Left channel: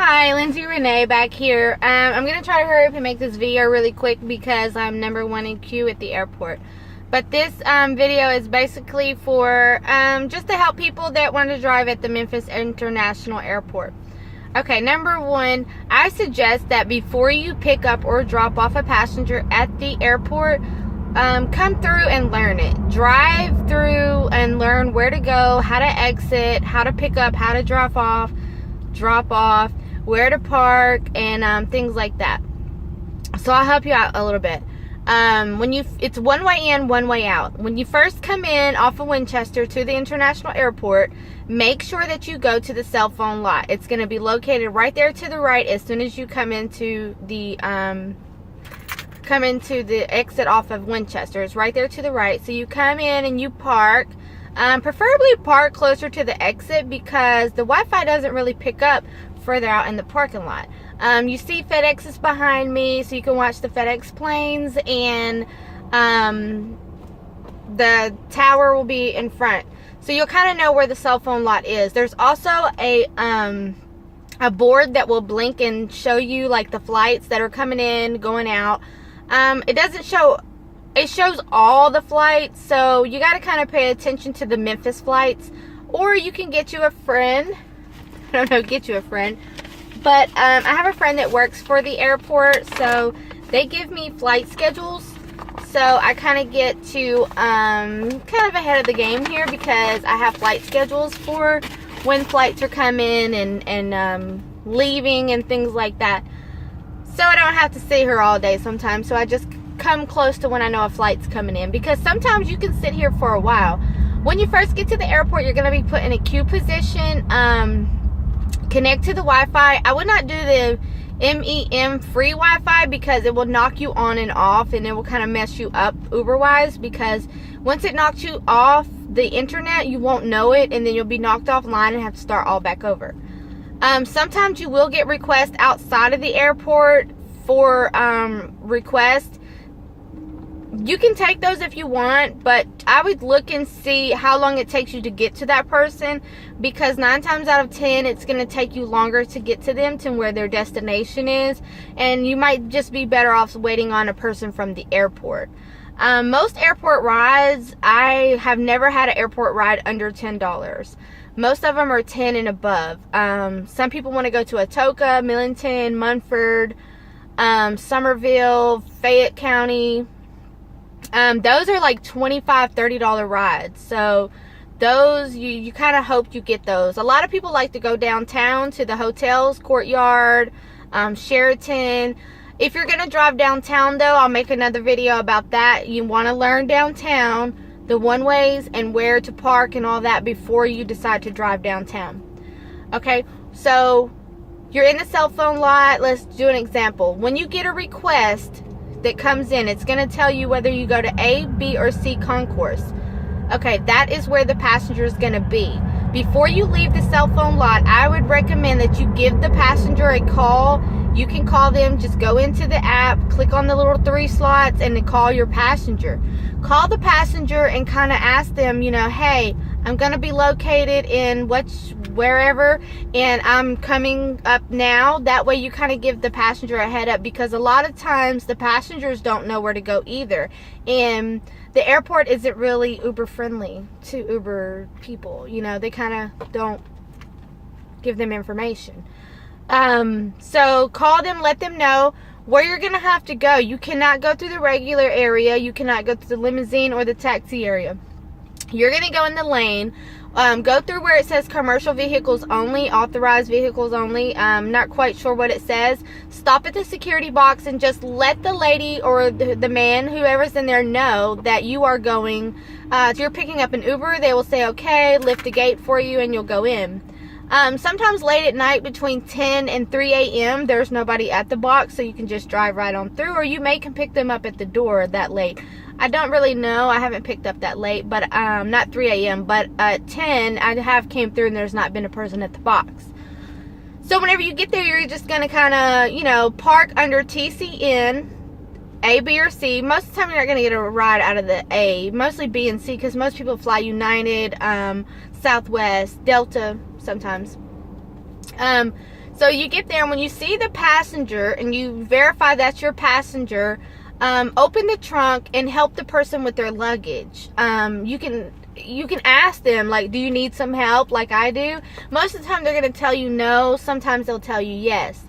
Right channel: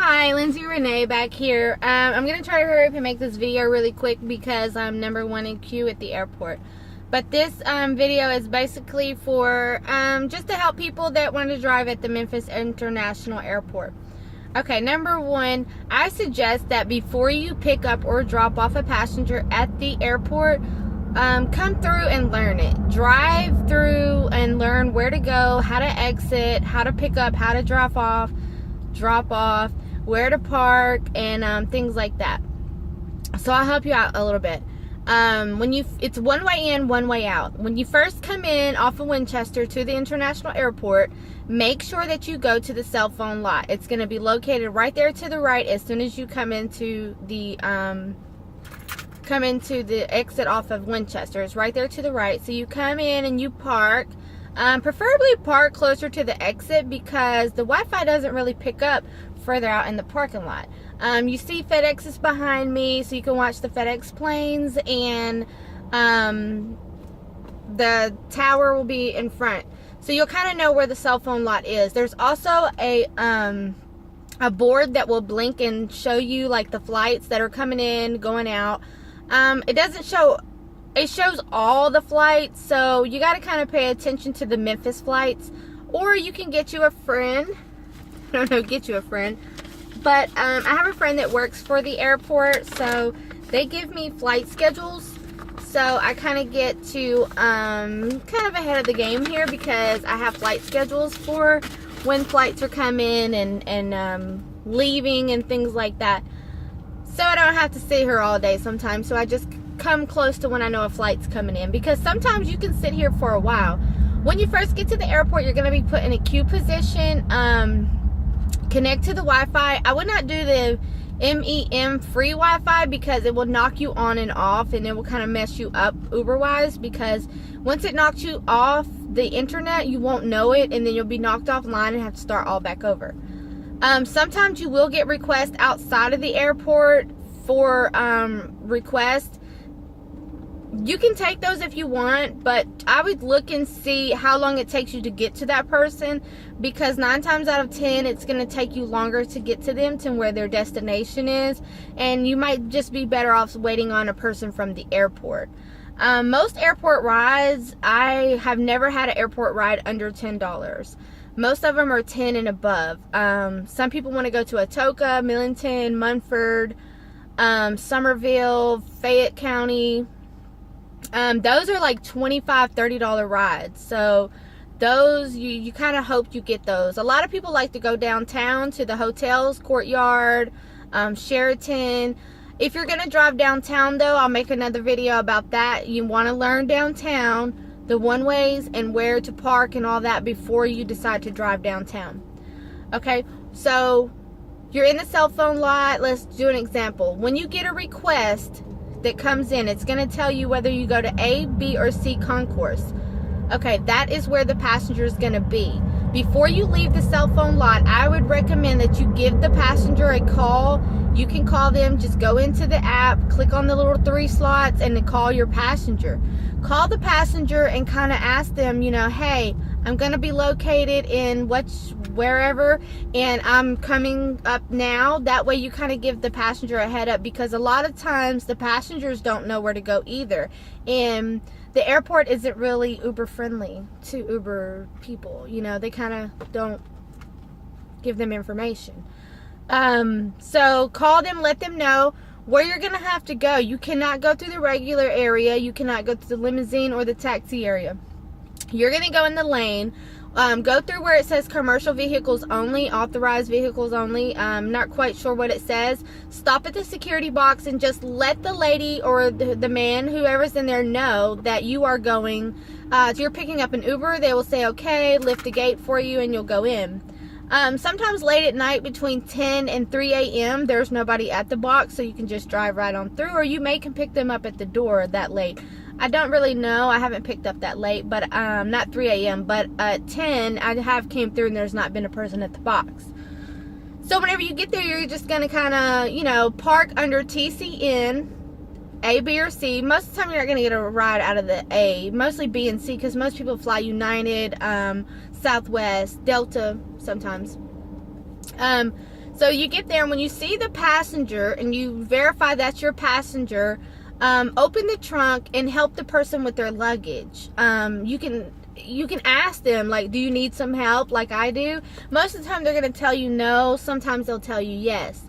Hi, Lindsay Renee back here. I'm going to try to hurry up and make this video really quick because I'm number one in queue at the airport. But this video is basically for just to help people that want to drive at the Memphis International Airport. Okay, number one, I suggest that before you pick up or drop off a passenger at the airport, come through and learn it. Drive through and learn where to go, how to exit, how to pick up, how to drop off, where to park, and things like that. So I'll help you out a little bit. It's one way in, one way out. When you first come in off of Winchester to the international airport, make sure that you go to the cell phone lot. It's going to be located right there to the right as soon as you come into the exit off of Winchester. It's right there to the right. So you come in and you park. Preferably park closer to the exit because the Wi-Fi doesn't really pick up further out in the parking lot. You see FedEx is behind me, so you can watch the FedEx planes, and the tower will be in front. So you'll kind of know where the cell phone lot is. There's also a board that will blink and show you like the flights that are coming in, going out. It doesn't show, it shows all the flights, so you got to kind of pay attention to the Memphis flights, or you can get you a friend. I don't know, get you a friend. But I have a friend that works for the airport, so they give me flight schedules. So I kind of get to kind of ahead of the game here because I have flight schedules for when flights are coming and leaving and things like that. So I don't have to sit here all day sometimes. So I just come close to when I know a flight's coming in, because sometimes you can sit here for a while. When you first get to the airport, you're going to be put in a queue position. Connect to the Wi-Fi. I would not do the MEM free Wi-Fi because it will knock you on and off, and it will kind of mess you up Uber-wise, because once it knocks you off the internet, you won't know it, and then you'll be knocked offline and have to start all back over. Sometimes you will get requests outside of the airport for requests. You can take those if you want, but I would look and see how long it takes you to get to that person, because 9 times out of 10 it's going to take you longer to get to them to where their destination is, and you might just be better off waiting on a person from the airport. Most airport rides, I have never had an airport ride under $10. Most of them are 10 and above. Some people want to go to Atoka, Millington, Munford, Somerville, Fayette County. Those are like $25, $30 rides. So those, you kind of hope you get those. A lot of people like to go downtown to the hotels, Courtyard, Sheraton. If you're going to drive downtown though, I'll make another video about that. You want to learn downtown, the one-ways and where to park and all that before you decide to drive downtown. Okay, so you're in the cell phone lot. Let's do an example. When you get a request that comes in, it's going to tell you whether you go to A, B, or C concourse. Okay, that is where the passenger is going to be. Before you leave the cell phone lot, I would recommend that you give the passenger a call. You can call them, just go into the app, click on the little 3 slots, and then call your passenger. Call the passenger and kind of ask them, you know, hey, I'm going to be located in wherever, and I'm coming up now. That way you kind of give the passenger a head up, because a lot of times the passengers don't know where to go either, and the airport isn't really Uber friendly to Uber people. You know, they kind of don't give them information. So call them, let them know where you're gonna have to go. You cannot go through the regular area, you cannot go through the limousine or the taxi area. You're gonna go in the lane. Go through where it says commercial vehicles only, authorized vehicles only. I'm not quite sure what it says. Stop at the security box and just let the lady or the man, whoever's in there, know that you are going, if you're picking up an Uber. They will say, okay, lift the gate for you, and you'll go in. Sometimes late at night between 10 and 3 a.m. there's nobody at the box, so you can just drive right on through, or you can pick them up at the door that late. I don't really know. I haven't picked up that late, but not 3 a.m. But at 10, I have came through and there's not been a person at the box. So whenever you get there, you're just going to kind of, you know, park under TCN, A, B, or C. Most of the time, you're not going to get a ride out of the A. Mostly B and C, because most people fly United, Southwest, Delta sometimes. So you get there, and when you see the passenger and you verify that's your passenger, open the trunk and help the person with their luggage. You can ask them, like, do you need some help, like I do? Most of the time they're going to tell you no. Sometimes they'll tell you yes.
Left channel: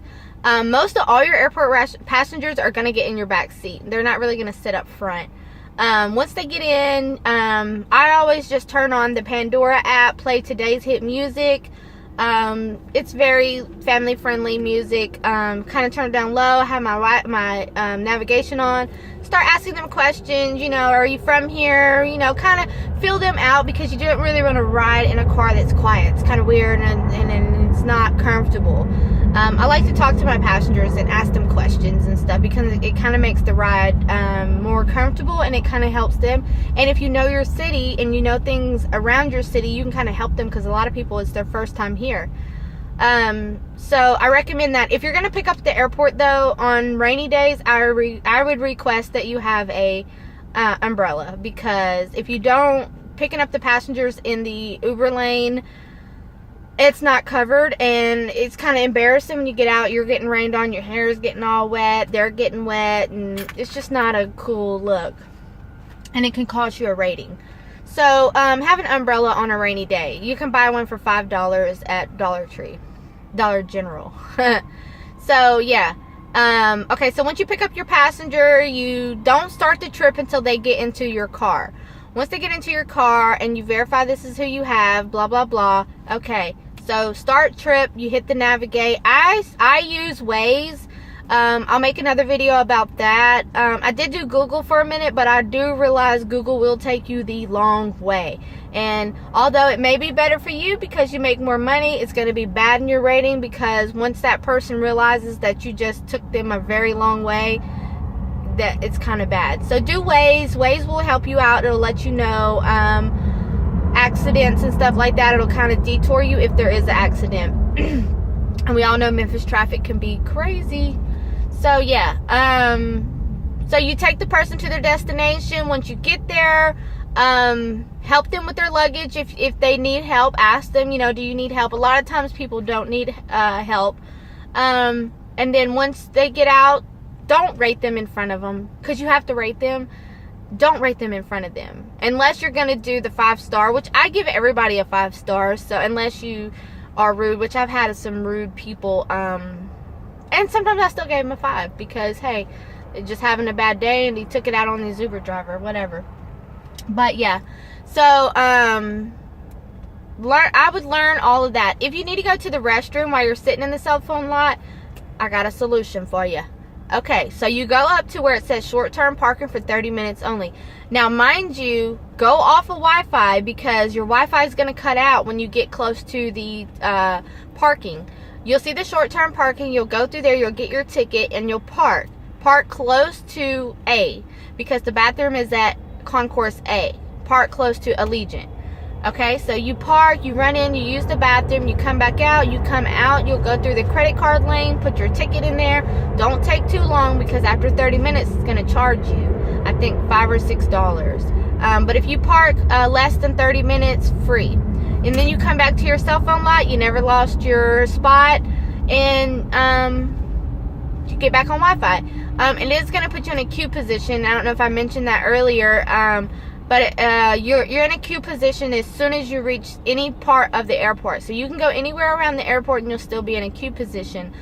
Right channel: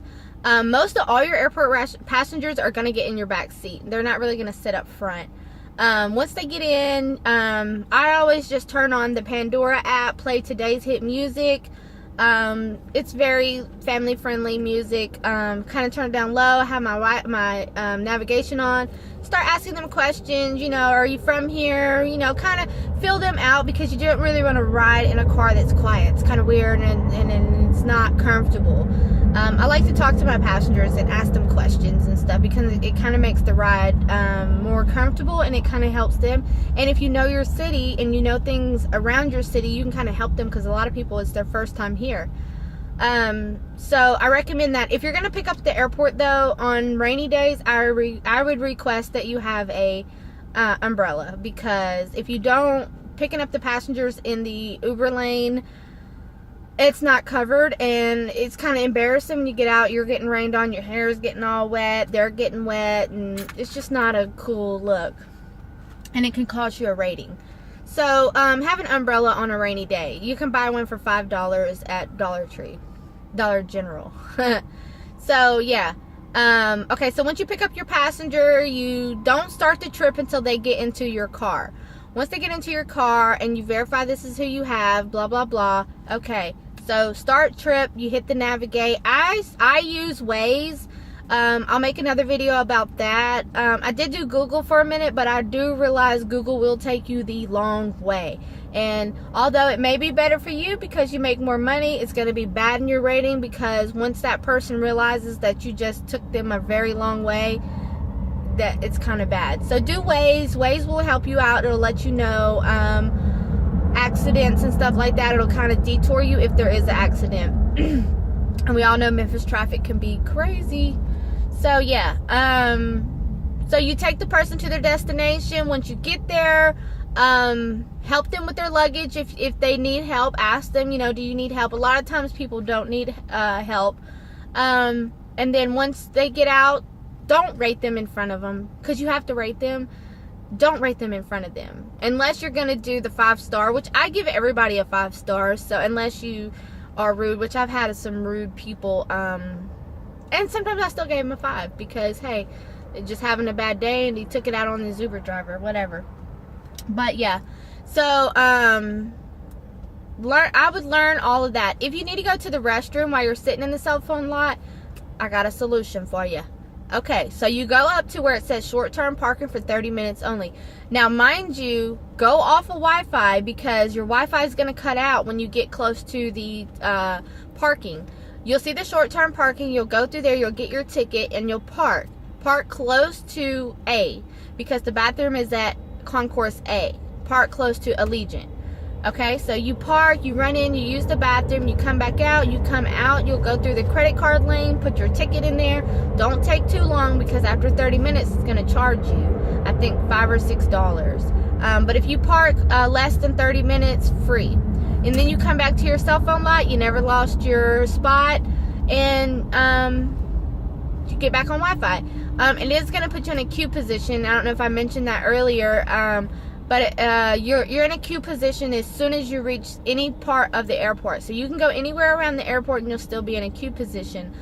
Most of all your airport passengers are going to get in your back seat. They're not really going to sit up front. Once they get in, I always just turn on the Pandora app, play today's hit music. It's very family friendly music. Kind of turn it down low, have my navigation on, start asking them questions, you know, are you from here, you know, kind of feel them out, because you don't really want to ride in a car that's quiet. It's kind of weird, and it's not comfortable. I like to talk to my passengers and ask them questions and stuff, because it kind of makes the ride more comfortable, and it kind of helps them. And if you know your city and you know things around your city, you can kind of help them, because a lot of people, it's their first time here. So I recommend that. If you're going to pick up at the airport, though, on rainy days, I would request that you have a umbrella, because if you don't, picking up the passengers in the Uber lane, it's not covered, and it's kind of embarrassing when you get out. You're getting rained on, your hair is getting all wet, they're getting wet, and it's just not a cool look, and it can cost you a rating. So have an umbrella on a rainy day. You can buy one for $5 at Dollar General. So yeah. Okay, so once you pick up your passenger, you don't start the trip until they get into your car. Once they get into your car and you verify this is who you have, blah blah blah. Okay, so start trip, you hit the navigate. I use Waze. I'll make another video about that. I did do Google for a minute, but I do realize Google will take you the long way. And although it may be better for you because you make more money, it's going to be bad in your rating, because once that person realizes that you just took them a very long way, that it's kind of bad. So do Waze. Waze will help you out. It'll let you know accidents and stuff like that. It'll kind of detour you if there is an accident. And we all know Memphis traffic can be crazy. So yeah, so you take the person to their destination. Once you get there, help them with their luggage. If they need help, ask them, you know, do you need help? A lot of times people don't need help. And then once they get out, don't rate them in front of them, because you have to rate them. Don't rate them in front of them unless you're gonna do the 5-star, which I give everybody a 5 stars. So unless you are rude, which I've had some rude people, and sometimes I still gave him a 5, because hey, they're just having a bad day and he took it out on his Uber driver, whatever. But yeah, so I would learn all of that. If you need to go to the restroom while you're sitting in the cell phone lot, I got a solution for you. Okay, so you go up to where it says short-term parking for 30 minutes only. Now, mind you, go off of Wi-Fi, because your Wi-Fi is going to cut out when you get close to the parking. You'll see the short-term parking. You'll go through there. You'll get your ticket, and you'll park. Park close to A, because the bathroom is at Concourse A. Park close to Allegiant. Okay, so you park, you run in, you use the bathroom, you come back out, you come out, you'll go through the credit card lane, put your ticket in there. Don't take too long, because after 30 minutes, it's going to charge you, I think, $5 or $6. But if you park less than 30 minutes, free. And then you come back to your cell phone lot, you never lost your spot, and you get back on Wi-Fi. It is going to put you in a queue position. I don't know if I mentioned that earlier, but you're in a queue position as soon as you reach any part of the airport. So you can go anywhere around the airport and you'll still be in a queue position.